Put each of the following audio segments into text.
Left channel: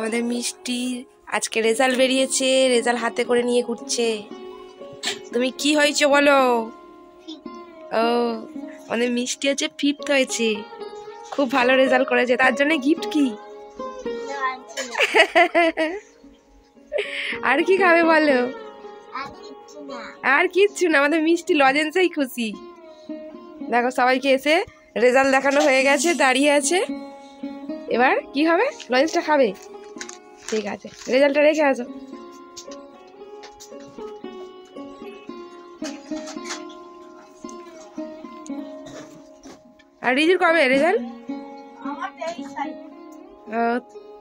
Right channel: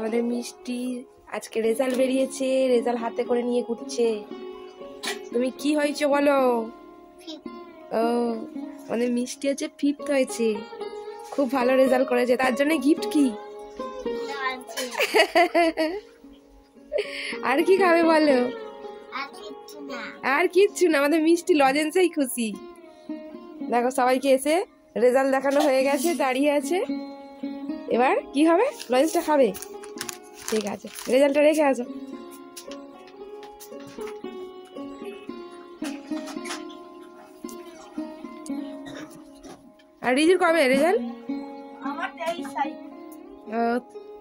আমাদের মিষ্টি আজকে রেজাল্ট বেরিয়েছে, রেজাল্ট হাতে করে নিয়ে ঘুরছে। তুমি কি হয়েছে বলো? ও আমাদের মিষ্টি হচ্ছে 5th হয়েছে, খুব ভালো রেজাল্ট করেছে। তার জন্য গিফট কি? আর কি খাবে বলো? আর কিচ্ছু না, আমাদের মিষ্টি লজেন্সেই খুশি। দেখো সবাইকে এসে রেজাল্ট দেখানো হয়ে গেছে, দাঁড়িয়ে আছে। এবার কি হবে? লজেন্সটা খাবে? ঠিক আছে, রেজাল্টটা রেখে আসো। আর রিজুর কবে রেজাল্ট?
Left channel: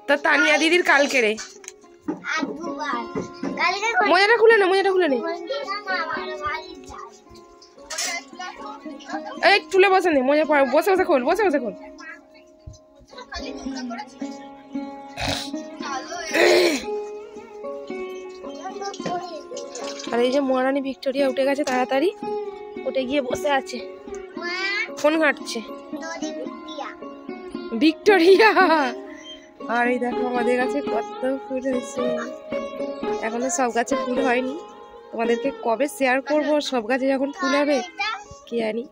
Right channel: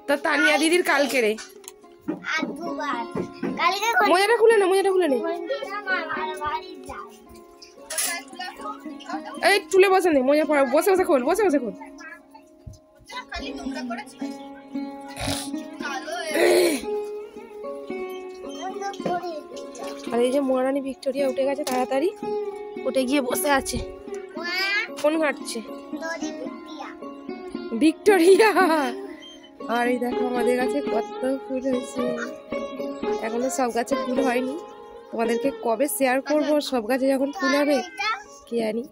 তা তানিয়া দিদির কালকে রে। মোজাটা খুলে না, মোজাটা খুলে নে। এই তুলে বসে নি, মোজা বসে বসে খোল, বসে বসে খোল। আর এই যে মহারানী ভিক্টোরিয়া উঠে গেছে, তাড়াতাড়ি উঠে গিয়ে বসে আছে, ফোন ঘাটছে। ভিক্টোরিয়া। আর এই দেখো আমাদের গাছে কত ফুল হয়েছে। এখন তো সব গাছে ফুল হয়নি, তোমাদেরকে কবে শেয়ার করবো সব গাছে যখন ফুল হবে কি জানি।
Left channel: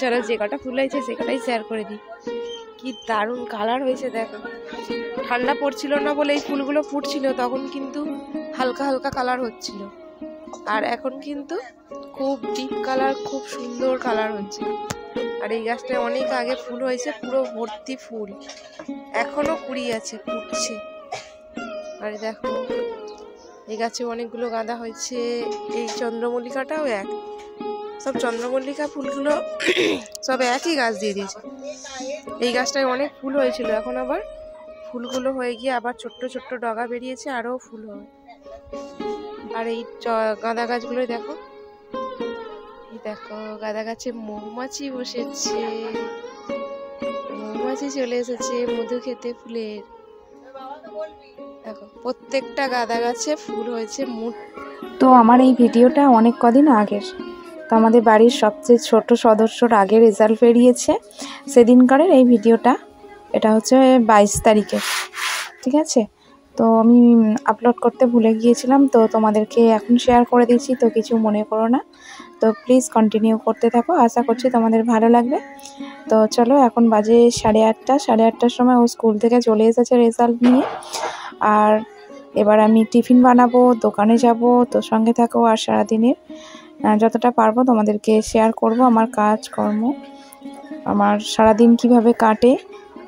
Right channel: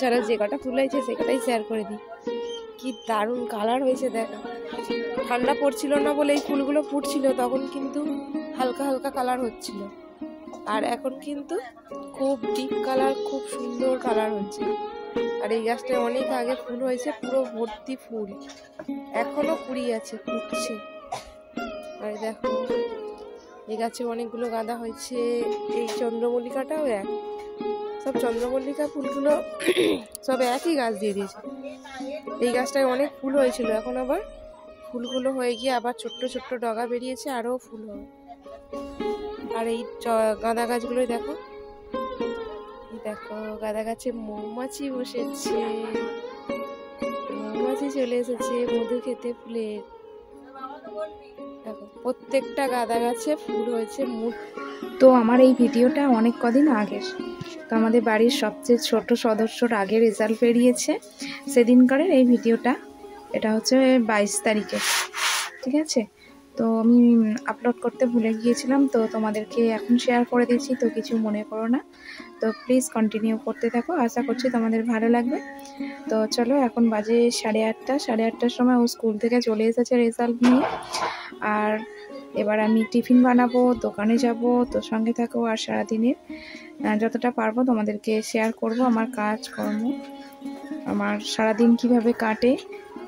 চলো যে কটা ফুল হয়েছে সে কটাই শেয়ার করে দিই। কি দারুণ কালার হয়েছে দেখো। ঠান্ডা পড়ছিল না বলে এই ফুলগুলো ফুটছিল, তখন কিন্তু হালকা হালকা কালার হচ্ছিল, আর এখন কিন্তু খুব ডিপ কালার, খুব সুন্দর কালার হচ্ছে। আর এই গাছটায় অনেক আগে ফুল হয়েছে, পুরো ভর্তি ফুল, এখনো কুড়ি আছে, ফুটছে। আর দেখো এই গাছে অনেকগুলো গাঁদা হয়েছে। এই চন্দ্রমল্লিকাটাও এক, সব চন্দ্রমল্লিকা ফুলগুলো সব একই গাছ দিয়ে দিয়েছে। এই গাছটায় অনেক ফুল হয়েছিল, এখন আবার ফুলগুলো হয়ে গিয়ে আবার ছোট্ট ছোট্ট ডগা বেরিয়েছে, আরও ফুল হবে। আর এই গাঁদা গাছগুলো দেখো, দেখো গাঁদা গাছে মৌমাছি বসেছে, মৌমাছি চলে এসেছে মধু খেতে ফুলের। দেখো প্রত্যেকটা গাঁদা গাছে ফুল হয়েছে। তো আমার এই ভিডিওটা অনেক কদিন আগের, তো আমাদের বাড়ির সবচেয়ে ছোট সদস্যর আগে রেজাল্ট বেরিয়েছে সেদিনকারের এই ভিডিওটা। এটা হচ্ছে 22 তারিখে, ঠিক আছে। তো আমি আপলোড করতে ভুলে গিয়েছিলাম, তো তোমাদেরকে এখন শেয়ার করে দিচ্ছি, তো কিছু মনে করো না। তো প্লিজ কন্টিনিউ করতে থাকো, আশা করছি তোমাদের ভালো লাগবে। তো চলো, এখন বাজে 8:30, 8:30টার সময় ও স্কুল থেকে চলে এসেছে রেজাল্ট নিয়ে। আর এবার আমি টিফিন বানাবো, দোকানে যাব, তো সঙ্গে থাকো। আর সারাদিনের যতটা পারবো তোমাদেরকে শেয়ার করব আমার কাজকর্ম, আমার সারাদিন কিভাবে কাটে।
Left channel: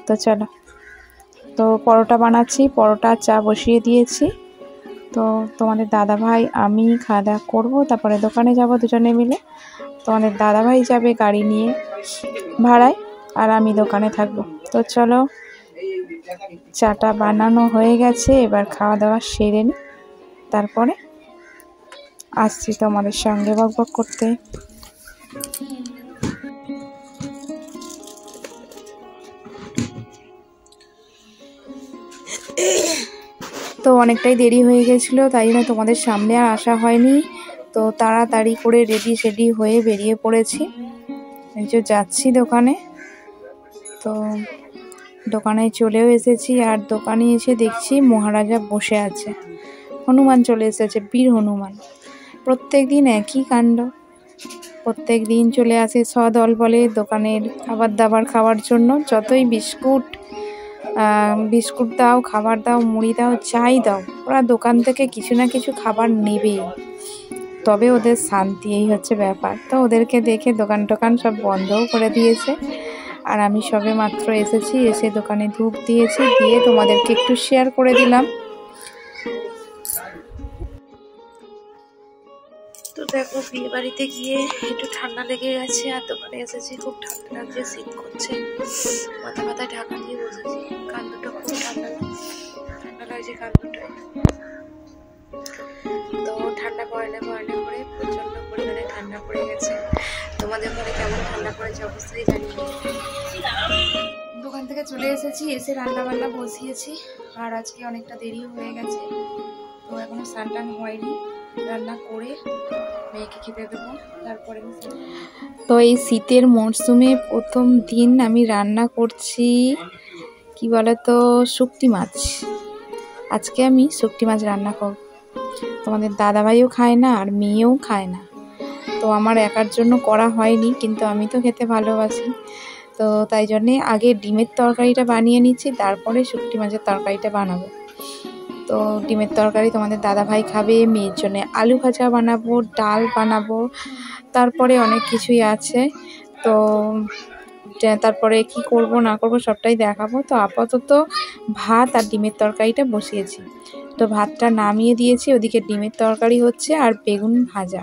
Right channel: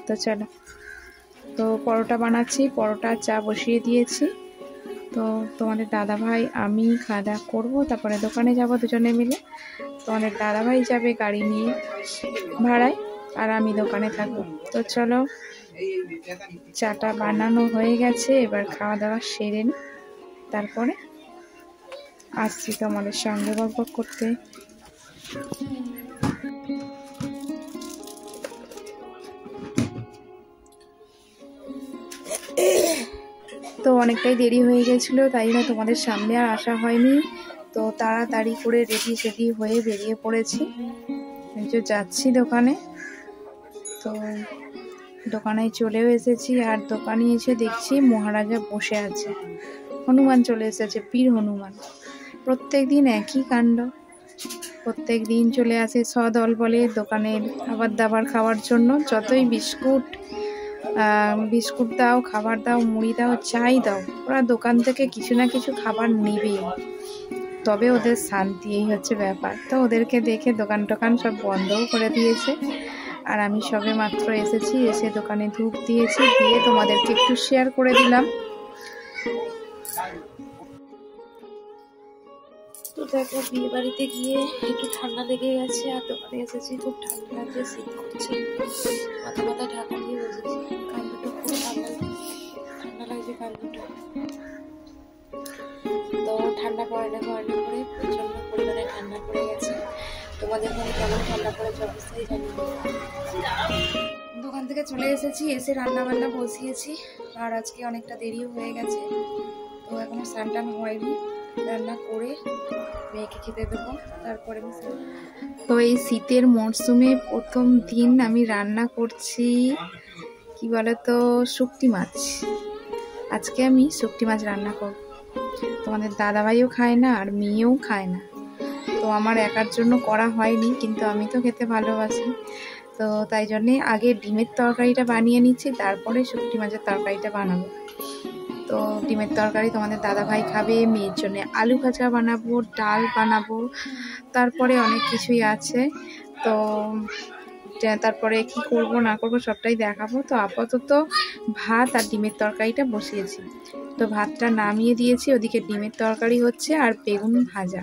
তো চলো, তো পরোটা বানাচ্ছি, পরোটা চা বসিয়ে দিয়েছি। তো তোমাদের দাদাভাই আমি খাওয়া দাওয়া করবো, তারপরে দোকানে যাব দুজনে মিলে। তোমাদের দাদাভাই যাবে গাড়ি নিয়ে ভাড়ায়, আর আমি দোকানে থাকবো। তো চলো, চাটা বানানো হয়ে গেছে, এবার খাওয়া দাওয়া সেরে নিই, তারপরে আসছি তোমাদের সঙ্গে বকবক করতে। তো অনেকটাই দেরি হয়ে গেছিলো, তাই জন্য তোমাদের সামনে আর আসা হয়নি। তো তাড়াতাড়ি করে রেডি সেডি হয়ে বেরিয়ে পড়েছি, এই যে যাচ্ছি দোকানে। তো দোকানে চলেও এসেছি, আর দোকানে এসে দেখছি মহারাজা বসে আছে, হনুমান চলে এসেছে, বীর হনুমান। প্রত্যেক দিন একই কাণ্ড, প্রত্যেক দিন চলে আসে সদল বলে দোকানের খাবার দাবার খাওয়ার জন্য। যতই বিস্কুট দাও, খাবার দাও, মুড়ি দাও, চাই দাও, ওরা দোকান থেকে কিছু না কিছু খাবার নেবেই, তবে ওদের শান্তি, এই হচ্ছে ব্যাপার। তো ওদেরকে দেখে দোকান টোকান সব বন্ধও করে দিয়েছে। আর আমি সবে মাত্র এসেছি, এসে দোকানে ধূপ দিয়েছি, দিয়ে তোমাদেরকে একটু শেয়ার করে দিলাম। তো দেখো বিয়ে বাড়িতে গিয়ে একটু ঠান্ডা লেগে গেছে, আর দোকানে এসেছি, খুব ঠান্ডা লাগছে, শীত করছে, মাথা মাথায় ঢাকা দিয়ে বসেছি, কান দুটো খুব ঠান্ডা লাগছে, কান দুটো। তো ঠান্ডা পড়ে না প্রচন্ড পরিমাণে ঠান্ডা পড়ে গেছে। তোমাদের ওখানে কেমন ঠান্ডা পড়েছে অবশ্যই জানিয়ে। দোকান থেকে চলে এসেছি, এসে রান্না বান্না বসিয়েছি, আর আজকে অনেকটা দেরিও হয়ে গেছে, তো এখনো স্নান টান হয়নি। রান্না করে মেয়েকে খেতে দেবো, তারপরে। তো এই শীতের মরশুমে প্রথম দিন আমি রান্না করছি কি বলতো, শুকটি মাছ। আজকে আমি শুকটি মাছ রান্না করব। তোমাদের দাদাভাইও খায় না আর মেয়েও খায় না, তো আমার একার জন্য করা হয়নি, কিন্তু আমি তো খেতে ভালোবাসি। তো তাই জন্যে আগে ডিমের তরকারিটা বানিয়ে নিচ্ছি, তারপরে শুকটি মাছের তরকারিটা বানাবো। তো ডিমের তরকারি তোমাদের দাদাভাই খাবে, মেয়ের জন্য আলু ভাজা বানাবো, ডাল বানাবো, তারপরে অনেক কিছুই আছে। তো তারপরে কি করব না করব সবটাই দেখাবো। তো আপাতত ভাত আর ডিমের তরকারিটা বসিয়েছি। তো ভাতটা নামিয়ে দিয়েছি, ওদিকে ডিমের তরকারি হচ্ছে আর বেগুন ভাজা।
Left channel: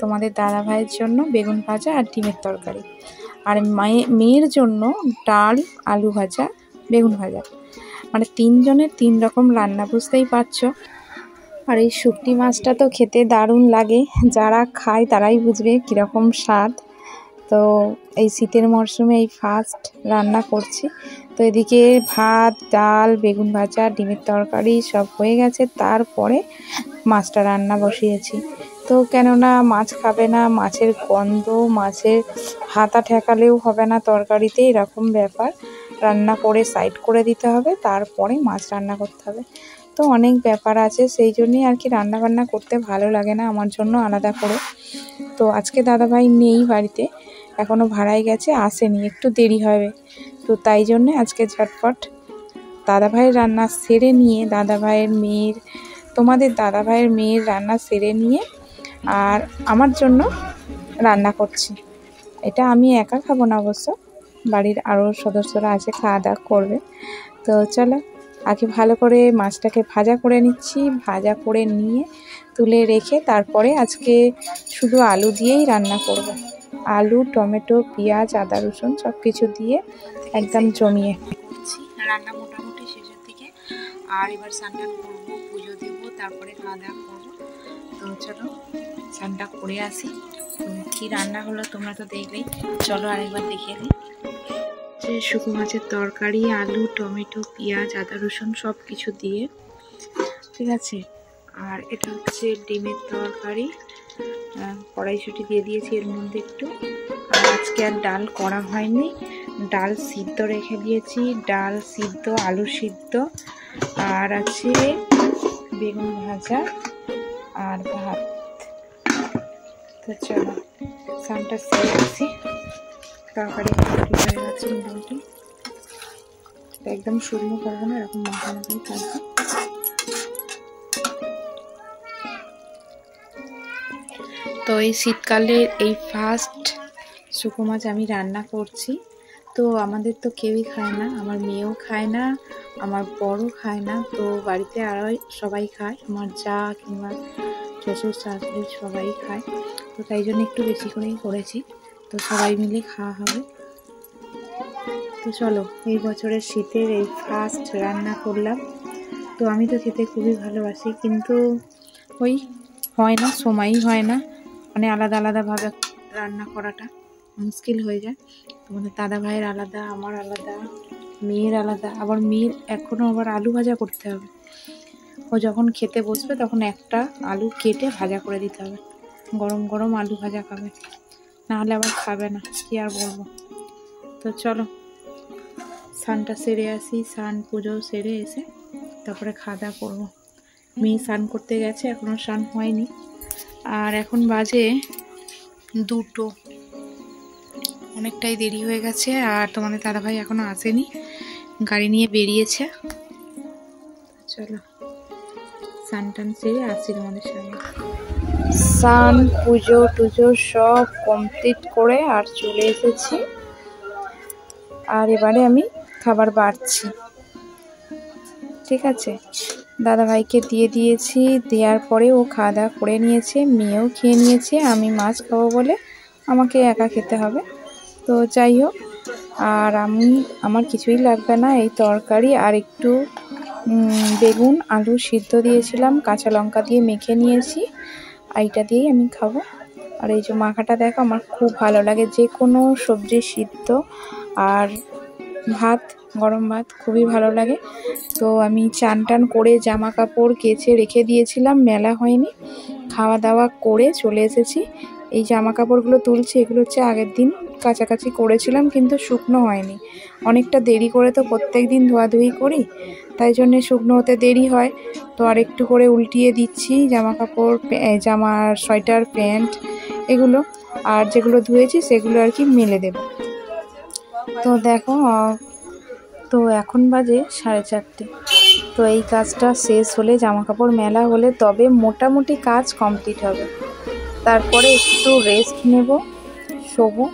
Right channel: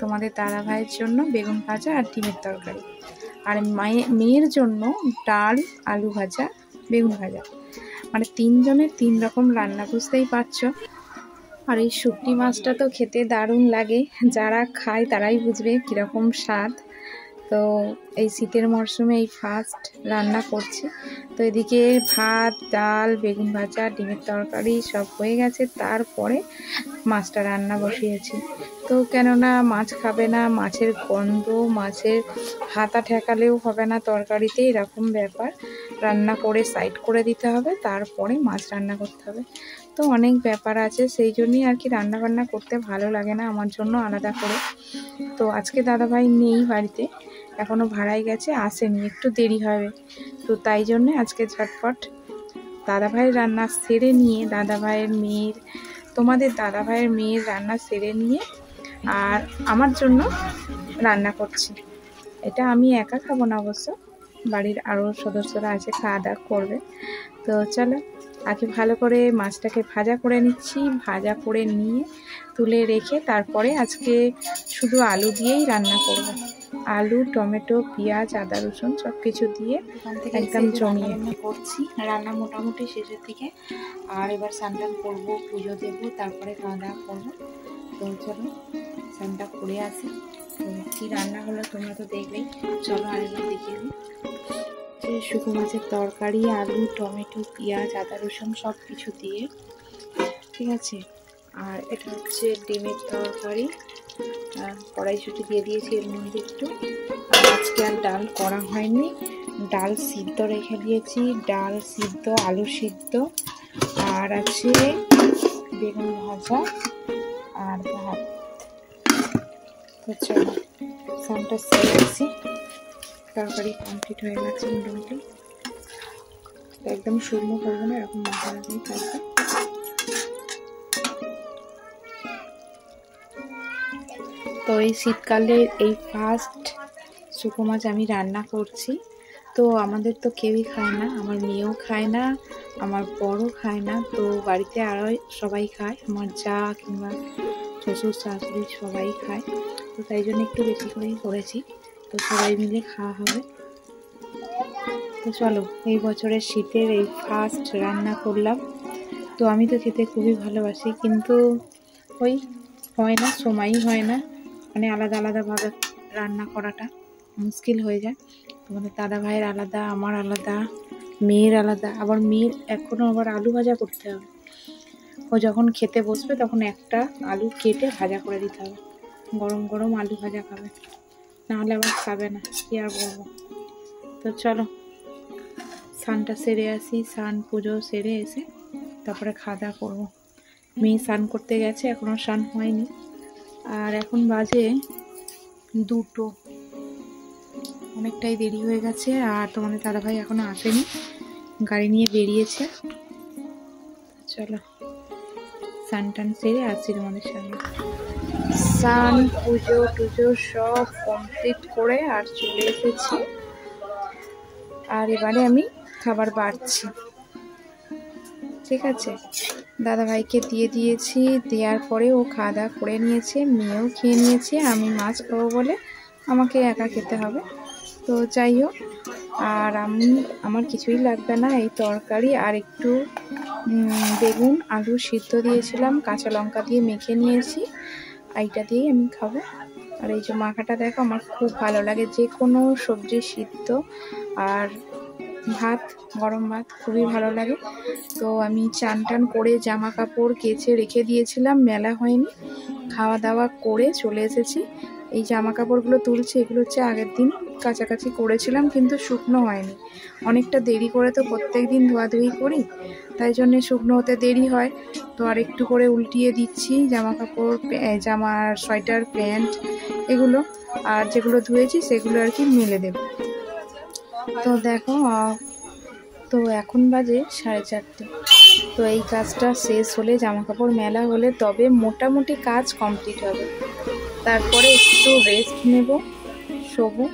তোমাদের দাদাভাইয়ের জন্য বেগুন ভাজা আর ডিমের তরকারি, আর মেয়ের জন্য ডাল, আলু ভাজা, বেগুন ভাজা। মানে 3 জনের 3 রকম রান্না, বুঝতেই পারছো। আর এই শুকটি মাছটা তো খেতে দারুণ লাগে, যারা খায় তারাই বুঝবে কীরকম স্বাদ। তো এই শীতের মরশুমে এই ফার্স্ট রান্না করছি। তো এদিকে ভাত, ডাল, বেগুন ভাজা, ডিমের তরকারি সব হয়ে গেছে, তারপরে মাছটা রান্না বসিয়েছি। তো কেননা মাছ খাবে না, মাছের গন্ধ, মাছের হাতা ঠেকালেও হবে না তরকারিতে, এরকম ব্যাপার। রান্না করে সাইড করে দিতে হবে, তারপরে মাছ রান্না করতে হবে। তো অনেক ব্যাপার আছে, সেই জন্যই আর কি রান্না বান্না করতে ভালো লাগে না আমার জন্য আলাদা করে। তো আজকে দাদাভাই নেই বাড়িতে, এখনও ভাড়ায় গেছে, আসেনি, একটু দেরি হবে। তো তাই জন্যে আজকে ঝটপট দাদাভাইয়ের রান্না সেরে নিয়ে, তোমাদের দাদাভাইয়ের মেয়ের রান্না সেরে নিয়ে আর আমার জন্য রান্না করছি। এটা আমি একা খাবো না, অবশ্য বাড়ির আরও সদস্যরা আছে, খাওয়া দাওয়া করবে। তো চলো আগে ভালো করে মাছটাকে ভাজা করে নিচ্ছি। ভাজা করে নিয়ে তুলে রেখে তারপরে আজকে শুধু আলু দিয়েই রান্না করব। আলু, টমেটো, পেঁয়াজ, আদা, রসুন সব কিছু দিয়ে একদম জমিয়ে করছি। রান্না মোটামুটি শেষের দিকে, আর এবার স্নান করবো, পুজো দেবো, তারপরে খাওয়া দাওয়া করবো। তো চলো স্নানটা করে আসি। কী রান্না হলো তোমরা তো দেখলেই, চলো আরেকবার দেখিয়ে দিই। শুকনো মাছের তরকারি, আলু, টমেটো, পেঁয়াজ, আদা, রসুন সব কিছু দিয়ে, ঠিক আছে। আর এটা হচ্ছে ডিমের তরকারি, কড়াইশুঁটি দিয়ে দিয়েছি এর মধ্যে একটু। আর আজকে আর ডাল করা হয়নি, ডাল সিদ্ধ রেখে দিয়েছি, ডাল সিদ্ধ, আলু সিদ্ধ, আর আছে বেগুন ভাজা আর ভাত। তো চলো স্নানটা সেরে আসি। তরকারি হয়ে গেছে মোটামুটি, একদম শুকনো করবো না, এরকম মোটামুটি থাকবে। তো এই শীতকালে এই ফার্স্ট শুকনো মাছ আমি রান্না করছি। তো আমাদের তো কেউই খায় না, আমার মেয়েও খায় না, আমার বড়ও খায় না। তো বাড়িতে আরও সবাই খায়, আমার যা কিংবা শ্বশুর শাশুড়ি সবাই খায়। তো তাই জন্য একটু বেশি করেই করেছি, তো সবাই মিলে খাওয়া হবে। তো চলো এই বছরের শীতের এই ফার্স্ট রান্না করলাম। তো আমি তো খেতে খুবই ভালোবাসি, কিন্তু ওই হয় না, সময়ই হয় না, মানে আলাদা আলাদাভাবে রান্না করাটা মুশকিল হয়ে যায়। তোমাদের দাদা ভাইয়ের আলাদা, আমার আলাদা, মেয়ের আলাদা, আবার মেয়ের এখনও আবার আলু ভাজা করতে হবে। ও যখন খেতে বসবে তখন একটা আলু কেটে ভাজা করে দিতে হবে, গরম গরম আলু ভাজা খাবে, নাহলে আবার খাবে না, কি আর বলবো। তো চলো স্নানটা সেরে আসি, স্নান পুজো সেরে এসে তারপরে খাওয়া দাওয়া করবো। মেয়ে স্নান করতে গেছে, এখনও স্নান হয়নি, আর এখন বাজে 2টো, অনেকটাই দেরি হয়ে গেছে। আর তোমাদের দাদাভাই এখনও আসেনি, গাড়ি নিয়ে বেরিয়েছে। চলো স্নান টান সেরে আসছি তোমাদের সঙ্গে। স্নান পুজো টুজো সব কমপ্লিট করে আর চলে এসেছি, আর এবারে আমি খাবার বাড়ছি, ঠিক আছে। দাদাভাইকে দিয়ে দিয়েছি, দেওয়ার পরে ও খাওয়া দাওয়া করে নিয়েছে, মেয়েও খেয়ে নিয়েছে। আমি মাছ খাবো বলে আমাকে একা খেতে হবে। তো যাই হোক, আর আমার কিছুই লাগবে না, এই তরকারি আর একটু বেগুন আলু সিদ্ধ দিয়েছিলাম, কাঁচা লঙ্কা দিয়ে মেখে নিয়েছি, এইটা দিয়েই আমি খাবো। আর এই যে মাখাটা দেখো, আমার খুব ভালো লাগে, যে কোনো সবজি সিদ্ধ আর ভাত, গরম ভাত খুবই ভালো লাগে। তো আমি চান টান করে জামা কাপড় কেচে রেখে দিয়েছিলাম, মেলা হয়নি, খাওয়া দাওয়া করে চলে এসেছি। এই জামা কাপড়গুলো তুলছি, এগুলো হচ্ছে আগের দিন কাছাকাছি করেছিলাম, কিন্তু শুকনো হয়নি। অনেকটা দেরি করে তো প্রত্যেক দিন ধোয়াধুয়ি করি, তাই জন্যে শুকনো হতে দেরি হয়। তো আর একটু করে উল্টিয়ে দিচ্ছি জামা কাপড়, জামার সোয়েটার, প্যান্ট এগুলো, আর যেগুলো ধুয়েছি সেগুলো আর কি মেলে দেব। তো দেখো, তো এখন বাজে 4:30। তো এই কাজটা শেষ হলে, জামা কাপড় মেলা হলে তবে মোটামুটি কাজ কমপ্লিট হবে। তারপরে একটু রেস্ট নেব, শোবো।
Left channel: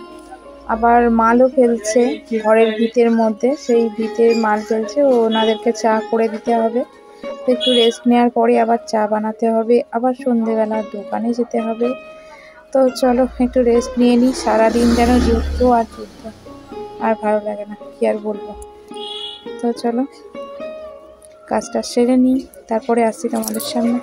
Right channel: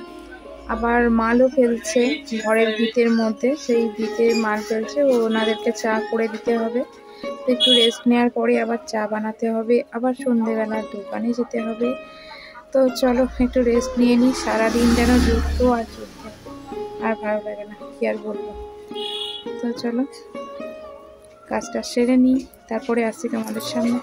আবার মালও ফেলছে ঘরের ভিতের মধ্যে, সেই ভিতের মাল ফেলছে, ওনাদেরকে চা করে দিতে হবে। তো একটু রেস্ট নেওয়ার পরে আবার চা বানাতে হবে, আবার সন্ধেবেলায় দোকানে যেতে হবে। তো চলো একটু রেস্ট নিয়ে নিই। সারাদিন যেন যুদ্ধ আর যুদ্ধ, আর ভালো লাগে না, কি আর বলবো। তো চলো কাজটা সেরে নিই, তারপরে আসছি তোমাদের সামনে।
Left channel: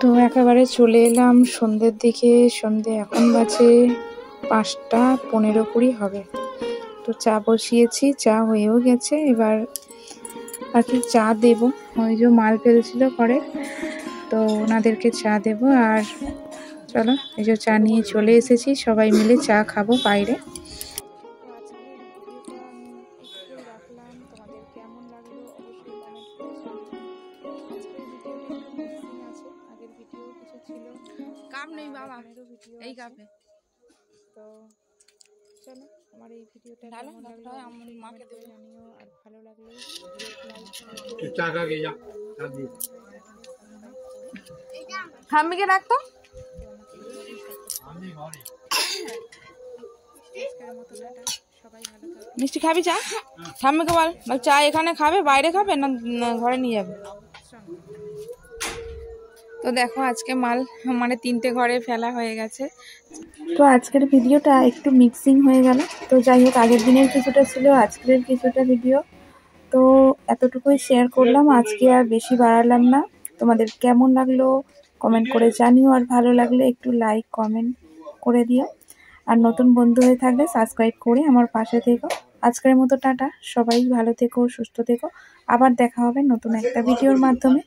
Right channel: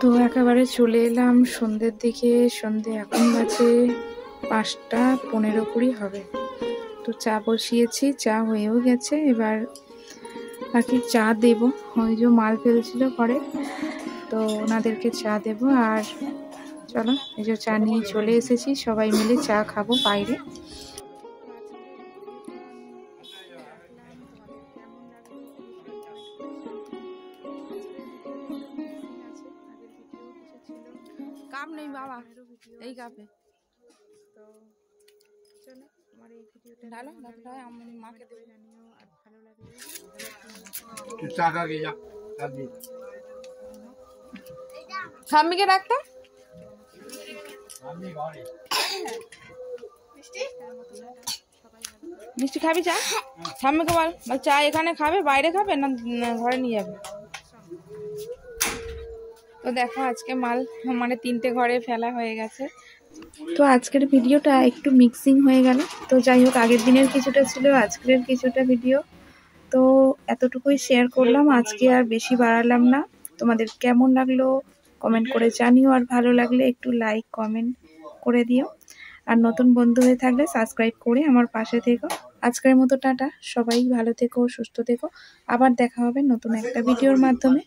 তো একেবারে চলে এলাম সন্ধ্যের দিকে। সন্ধ্যে এখন বাজে 5:15 হবে। তো চা বসিয়েছি, চা হয়েও গেছে। এবার আর কি চা দেব, ওই যে মাল ফেলছিল করে, তো ওনাদেরকে চা দেব। আর চলো এই যে চা নিয়ে চলে এসেছি, সবাই মিলে চা খাবো বাইরে। কাপ নেই বাবা, এই কাপে। তো চলো আমার এই ভিডিওটা ডালো, কেমন লাগলো আমি মাকে দেবো। জানিও, আর ভালো লাগলে ঠাম্মিকে ডাকতাম। মিষ্টি খাবি চা? ঠাম্মিকে বল চা এখানে খাবে, বাইরে খাবে না ঘরে নিয়ে যাবে? তো দেখো আজকে মাল মানে 3টে ঘরে ফেলা হয়ে গেছে। তো আজকের ভিডিওটা একটু মিক্সিং হয়ে গেল। তো যাই হোক, আগের দিনের কিছুটা ছিল, আজকের কিছুটা ভিডিও, তো এতটুকুই শেয়ার করলাম। আজকে আর বেশি বাড়ালাম না। তোমাদের কেমন লাগলো কমেন্ট করে জানিও, আর ভালো লাগলে একটু লাইক কমেন্ট করে দিও। আর নতুন বন্ধু হয়ে থাকলে সাবস্ক্রাইব করে আমার পাশে থেকো। আজকের মতো টাটা, সবাই ভালো থেকো, সুস্থ থেকো। আবার দেখা হবে নতুন একটা ভিডিওর মাধ্যমে।